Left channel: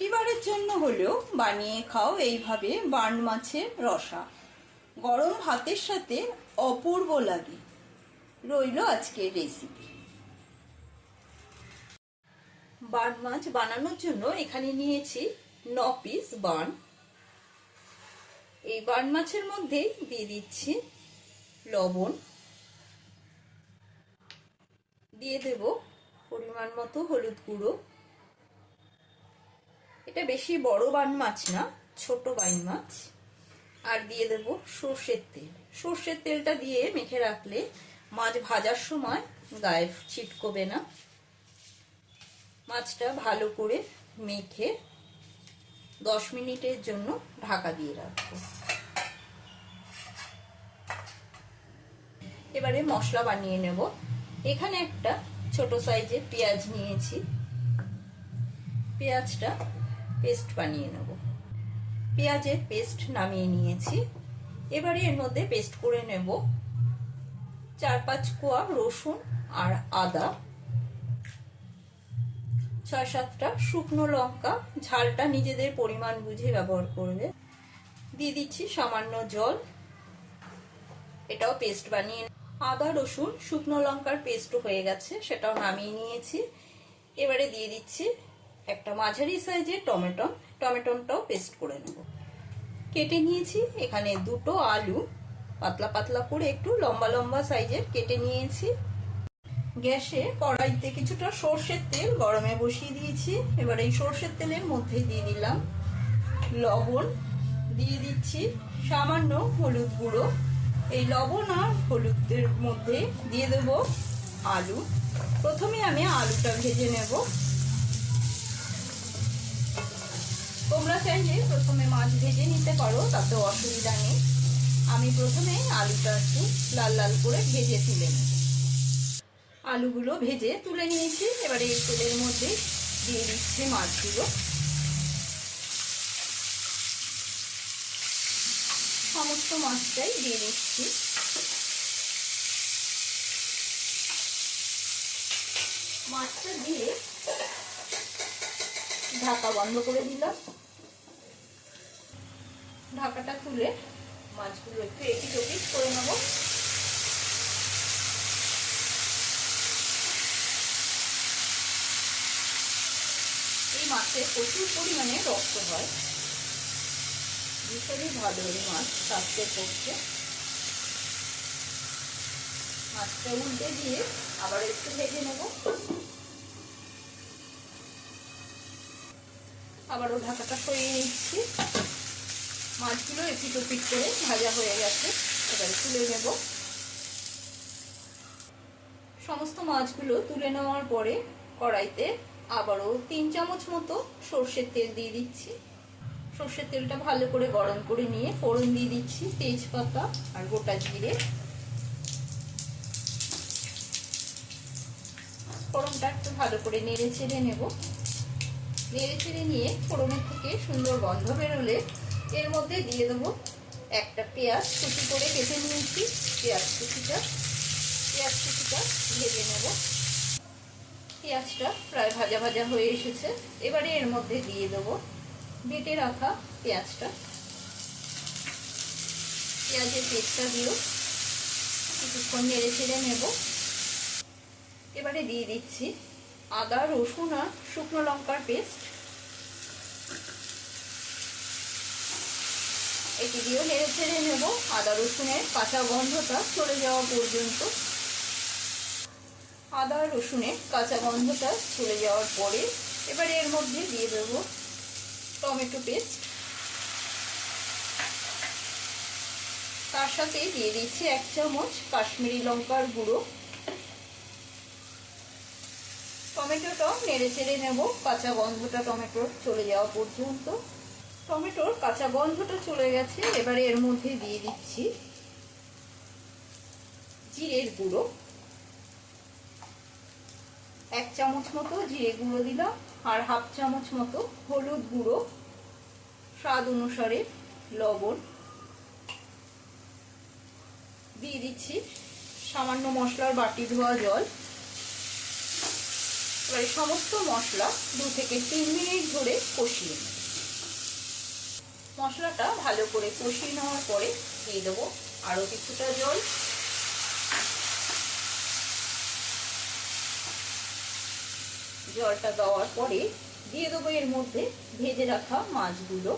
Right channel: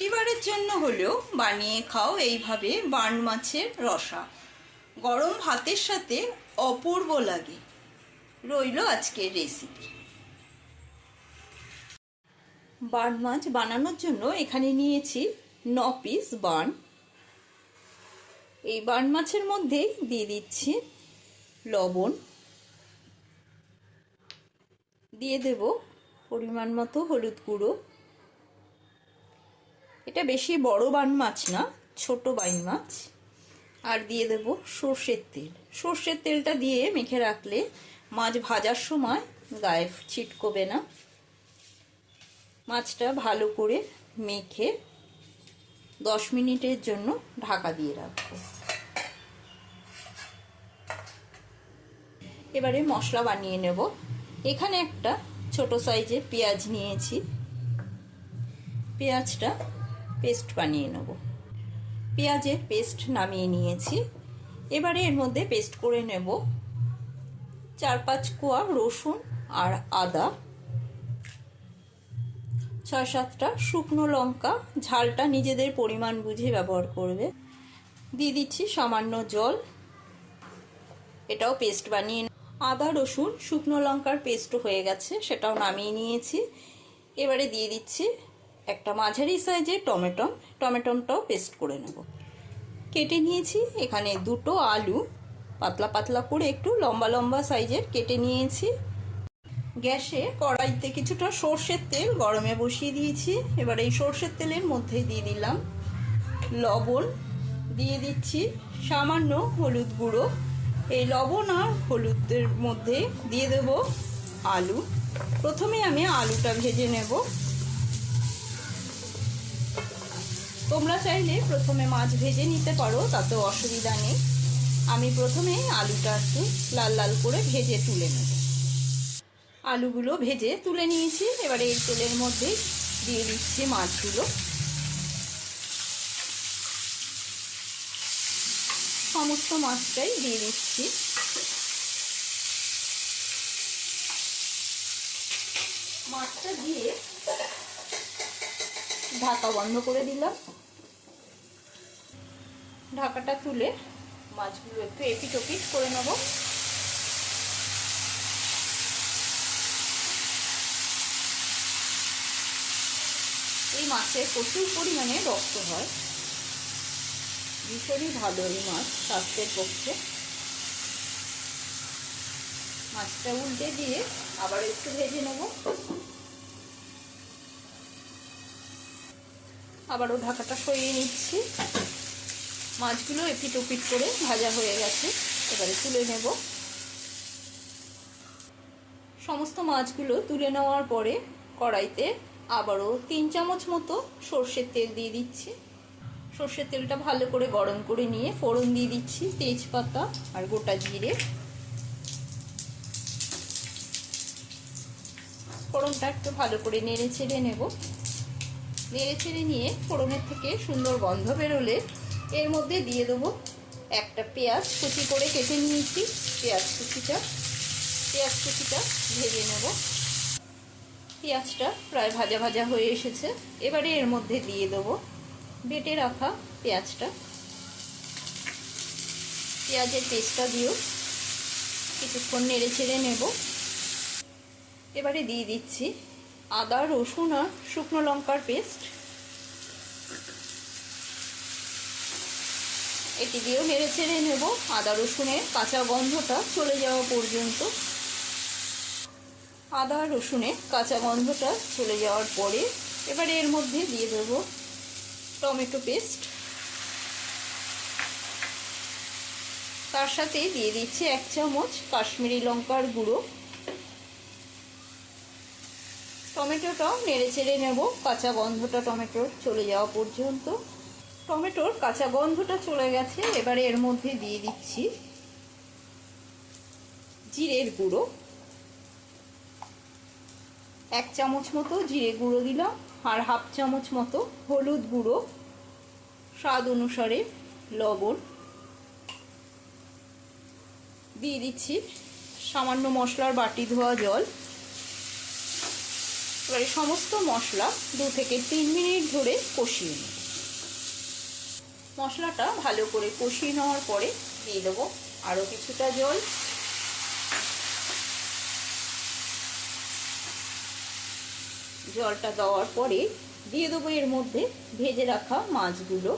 পরিবারের জন্য হলেও বানিয়ে খাও এইভাবে বার্ন মাছের রসা। গরম ভাতের সাথে অপূর্ব লাগে। রইল আজকের রেসিপি। বার্ন মাছ বানানোর জন্য এখানে নিয়েছি 9 পিস বার্ন। এই বার্ন মাছের মধ্যে দিয়ে দিচ্ছি লবণ, দিয়ে দেব পরিমাণ মতো হলুদ গুঁড়ো। এটা বেশি বড় বার্ন মাছ না, ছোট বার্ন মাছ। আর দিয়ে দেব সর্ষের তেল। সর্ষের তেলটা দিয়ে মেখে রাখলে মাছ ভাজার সময় গায়ে ছিটকবে না। মাছটা ভালো করে মেখে 10 মিনিটের জন্য ঢাকা দিয়ে রাখবো। এবারে মশলা বানিয়ে নেব। এখানে একটা ছোট সাইজের পেঁয়াজ নিয়েছি। পেঁয়াজটা পেস্ট বানিয়ে নেব। পেঁয়াজের পেস্ট নামিয়ে নিয়েছি। এবারে এর মধ্যে পেস্ট করে নেব 4-5 কোয়া রসুন আর আদা, 6-7টা শুকনো লঙ্কা। ঝালটা নিজেদের পরিমাণ বুঝে ব্যবহার করবে। দিয়ে দিচ্ছি সামান্য জল। এটাও পেস্ট বানিয়ে, আদা রসুন শুকনো লঙ্কার পেস্টও হয়ে গেছে, সেটাও নামিয়ে নিয়েছি। এবারে দিয়ে দিচ্ছি একটা মাঝারি সাইজের টমেটোটাও পেস্ট করে নেব। কেটে নিয়েছি এখানে 2টো আলু, পাতলা পাতলা করে একটু লম্বা লম্বা সাইজের কেটে নিয়েছি। গ্যাসে কড়াইতে কিছুটা সর্ষের তেল গরমে বসিয়ে দিয়েছি। এবার এই সর্ষের তেলের মধ্যে দিয়ে দিলাম লবণ, দিয়ে দিচ্ছি সামান্য হলুদ গুঁড়ো। এই লবণ আর হলুদের মধ্যে দিয়ে দেব আলু। প্রথমে আমি আলুটা ভেজে নেব। তোমরা চাইলে প্রথমে মাছ ভেজে নিতে পারো, তাতে অসুবিধা নেই। আমি প্রথমে আলুটা একটু লাল লাল করে ভেজে তুলে নেব। আলুগুলো ভেজে তুলে নিয়েছি। এবারে এই তেলের মধ্যে দিয়ে দিচ্ছি মাছগুলো। সমস্ত মাছটাই দিয়ে দিচ্ছি। মাছটা দিয়ে ঢাকা বন্ধ করে দিলাম। ঢাকাটা তুলে মাছগুলো একটু এপিট ওপিট করে নেব। এই মাছে প্রচুর পরিমাণে রক্ত হয়, ভীষণই ভালো এই মাছ স্বাস্থ্যের পক্ষে। মাছটা উল্টে দিয়ে আবার একটু ভেজে নেব। আবারও ঢাকাটা সরিয়ে নিচ্ছি। মাছগুলো এপিট ওপিট করে ভাজা হয়ে গেছে। এবারে তুলে নেব। সমস্ত মাছগুলো তুলে নেওয়ার পরে কড়াইতে আবারও 3 চামচ মতো সর্ষের তেল দিয়ে দিচ্ছি। সর্ষের তেলটা ভালো করে গরম করে নিয়ে ফোড়ন দিয়ে দিচ্ছি তেজপাতা আর গোটা জিরে। ফোড়নটা একটু ভালো করে নেড়ে চেড়ে নেব। নেড়ে চেড়ে নিয়ে ফোড়নের থেকে সুন্দর গন্ধ বেরোলে এর মধ্যে দিয়ে দেবো একটা পেঁয়াজ কুচি করে কেটে নিয়েছি। পেঁয়াজ কুচিটা ভেজে নেব। পেঁয়াজটা প্রায় ভাজা ভাজা হয়ে এসেছে। এবারে এর মধ্যে দিয়ে দেবো বেটে রাখা পেঁয়াজটা। পেঁয়াজের পেস্টটা দিয়েও কিছুক্ষণ নেড়ে চেড়ে নেব। এবারে দিয়ে দিচ্ছি আদা রসুন আর শুকনো লঙ্কার পেস্ট। এটি দিয়েও নেড়ে চেড়ে নেব আদা রসুনের কাঁচা গন্ধটা চলে যাওয়া পর্যন্ত। আদা রসুনের কাঁচা গন্ধটা চলে যাওয়ার পরে এবারে এর মধ্যে দিয়ে দেব টমেটো পেস্ট। তার সাথে দিয়ে দিচ্ছি 1 চামচ কাশ্মীরি লঙ্কার গুঁড়ো। টমেটোটাও নেড়ে চেড়ে নেব কাঁচা গন্ধটা টমেটোর চলে যাওয়া পর্যন্ত। টমেটোর কাঁচা গন্ধটা চলে গেছে। এবারে এর মধ্যে দিয়ে দিচ্ছি জিরের গুঁড়ো। 1 চামচ মতো জিরে গুঁড়ো দিলাম আর 1/2 চামচ মতো হলুদ গুঁড়ো, স্বাদ অনুসারে লবণ। দিয়ে দিচ্ছি সামান্য মশলার বাটি ধোয়া জল। এবারে সমস্ত মশলা 2 থেকে 3 মিনিট ধরে কষিয়ে নেব। মশলাটা ভালো করে কষিয়ে নেওয়ার পরে দিয়ে দেবো আরও কিছুটা জল। জলটা দেওয়ার পরে দিয়ে দেবো এর মধ্যে ভেজে রাখা মাছগুলো।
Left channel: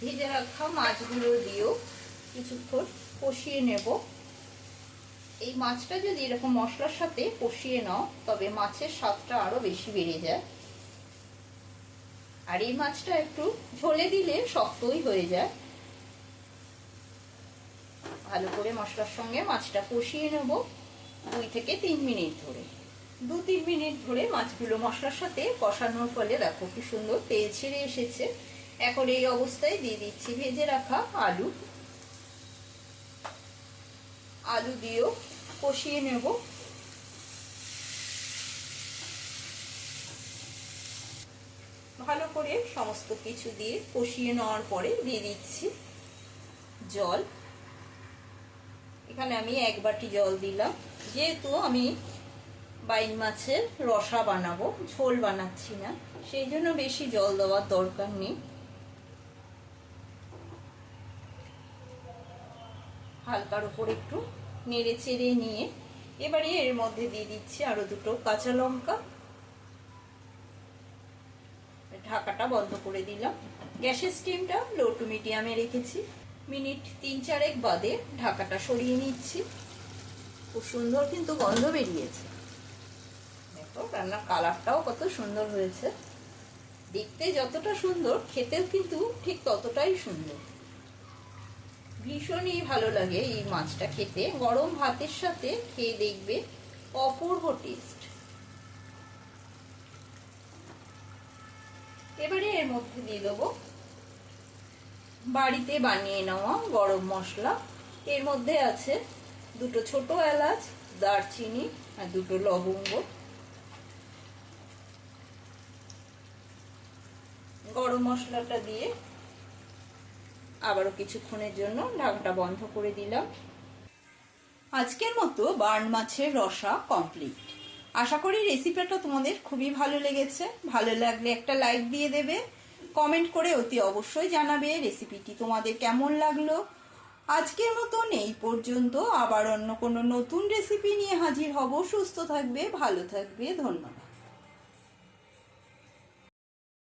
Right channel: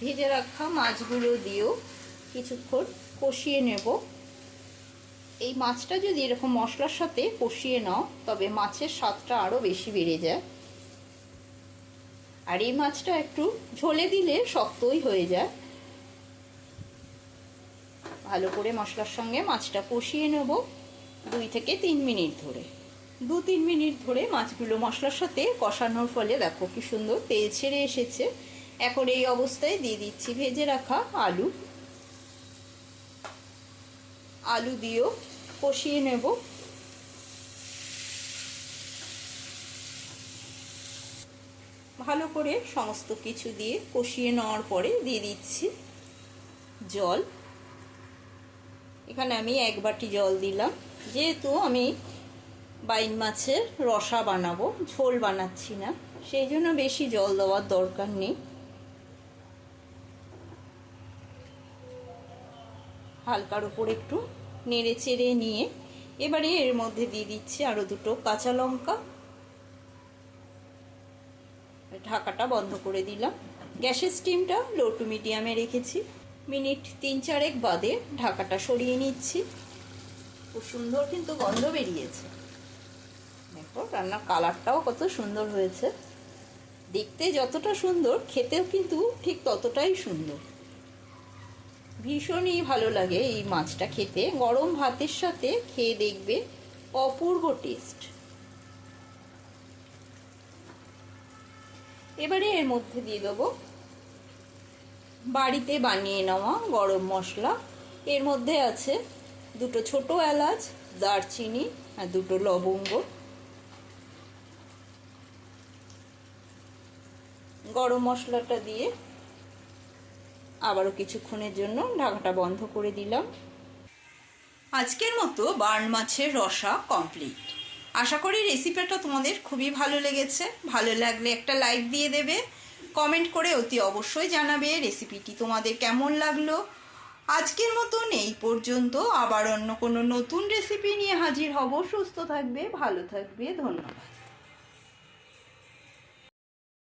ভেজে রাখা মাছগুলো দিয়েও কিছুক্ষণ কষিয়ে নেব। এই মাছটা যদি এরকম মশলার সাথে কষিয়ে নাও তবে মাছের স্বাদটা আরও বেশি বেড়ে যায়। আর এই মাছটা একটু ঝোলে দিলে শক্তই হয়ে যায়। ভালো করে মশলার সঙ্গে মাছটা কষিয়ে নেব 2 থেকে 3 মিনিট ধরে। 2-3 মিনিট ধরে মাছগুলো মশলার সাথে কষানোর ফলে দেখো কি সুন্দর তেল ছেড়ে এসেছে। এখন এই অবস্থায় দিয়ে দিচ্ছি ভেজে রাখা আলু। আলু দিয়েও কষিয়ে নেব। ভালো করে সমস্ত কিছু দিয়ে কষিয়ে নেওয়ার পরে দিয়ে দিচ্ছি জল। এখানে আমি 1 বাটি জল দিলাম, যেহেতু আমি বাইন মাছের রসা বানাবো, ঝোল বানাচ্ছি না, সেই জন্য বেশি জল দেওয়ার দরকার নেই। হালকার উপর একটু নেড়ে চেড়ে নিয়ে এবারে এর মধ্যে দিয়ে দিচ্ছি আরো 2টো কাঁচা লঙ্কা। ঢাকাটা বন্ধ করে দিলাম। গ্যাসের স্টিমটা লো টু মিডিয়ামে রেখেছি। মিনিট 3-4 বাদে ঢাকাটা সরিয়ে নিচ্ছি। খুব সুন্দর কিন্তু গন্ধ বেরিয়েছে। দেখো রান্নার কালারটাও কত সুন্দর হয়েছে। দেখতে যতটা সুন্দর খেতেও কিন্তু ঠিক ততটাই সুন্দর। ভীষণই ভালো লাগে এই মাছটা খেতে। গরম ভাতের সাথে খেয়ে দেখবে অপূর্ব টেস্ট। এবারে এর মধ্যে দিয়ে দেবো বাড়িতে বানিয়ে নেওয়া গরম মশলা। এর মধ্যে আছে 2টো ছোট এলাচ, দারচিনি আর 2টো লবঙ্গ। গরম মশলাটা দিয়ে আবারও কিছুক্ষণের জন্য ঢাকাটা বন্ধ করে দিলাম। আজকের মতো বার্ন মাছের রসা কমপ্লিট। আশা করি রেসিপিটা তোমাদের খুবই ভালো লেগেছে। ভালো লাগলে একটা লাইক দিয়ে দেবে, কমেন্ট করে অতি অবশ্যই জানাবে রেসিপিটি তোমাদের কেমন লাগলো। আজকের মতন এই পর্যন্ত। আবার অন্য কোনো নতুন রেসিপি নিয়ে হাজির হব। সুস্থ থাকবে, ভালো থাকবে, ধন্যবাদ।